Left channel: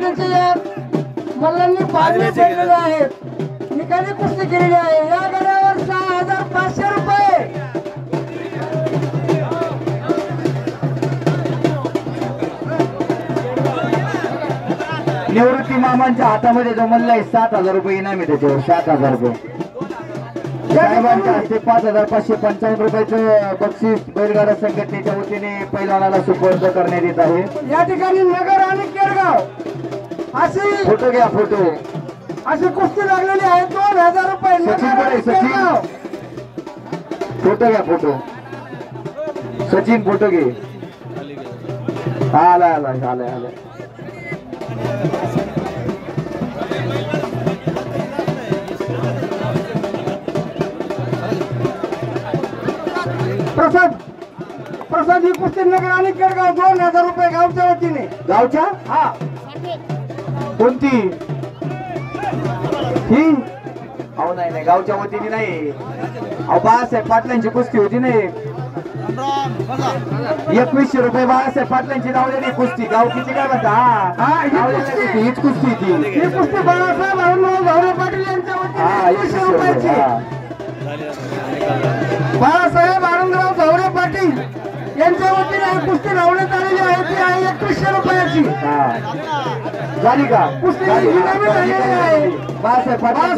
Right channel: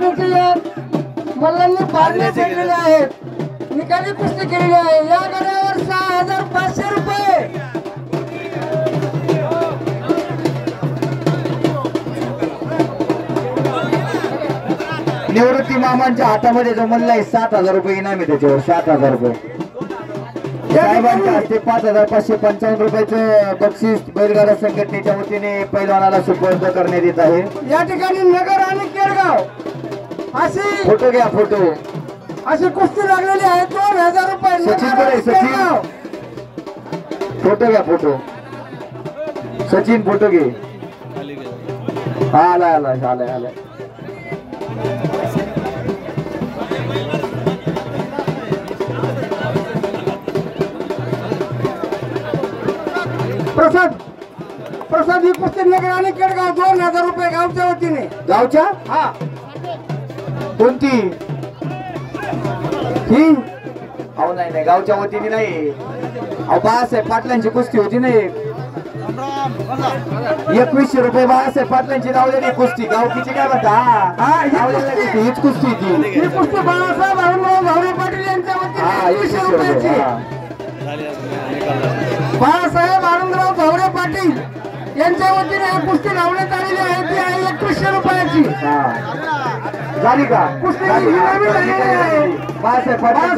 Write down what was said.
मुलांनी पाहिजे आहेत, निकाली कुस्ती केलेली आहे। या गडावर 6500 रुपये। निवृत्ती मामांच्या हातामध्ये जमलेला आहे 7000 रुपये इनाम आहे त्याच्यावर। 7000 रुपये साहेबांच्या हस्ते 5555 रुपयाचं बक्षीस बैलगाडा संघटनेच्या वतीने पैलवानाला सुपूर्द करण्यात येत आहे। या ठिकाणी नगर आणि केडगाव अशी फोटो घ्या, फोटो अशी कुस्ती लागलेली आहे। 2000 रुपये सचिन सचिन फोटो घ्या, फोटो सचिन फोटो घे। आला आला आला आला प्रसाद प्रसाद ही कुस्ती नगर आणि केडगाव 2000 रुपये गावच्या वतीने। गावच्या हा कोणती ही? अहो नाही नाही, गावच्या वतीने नाही। अहो बाळासाहेब पाटलांची कुस्ती होती ना एक। 2100 रुपये बाळासाहेब पाटलांची लावलेली कुस्ती। गावकीची काय म्हणता? हा हीच कुस्ती ती। ही कुस्ती बाळासाहेब भावरे पाटील यांच्या वतीने 2100 रुपयाची। बाळासाहेब आनंदराव भावरे पाटील यांच्या वतीने ही कुस्ती लावण्यात आलेली आहे। ती आहे 2100 रुपयाची। झाली का कुस्ती झाली? नवीन झालेली आहे। बाळासाहेब पाटील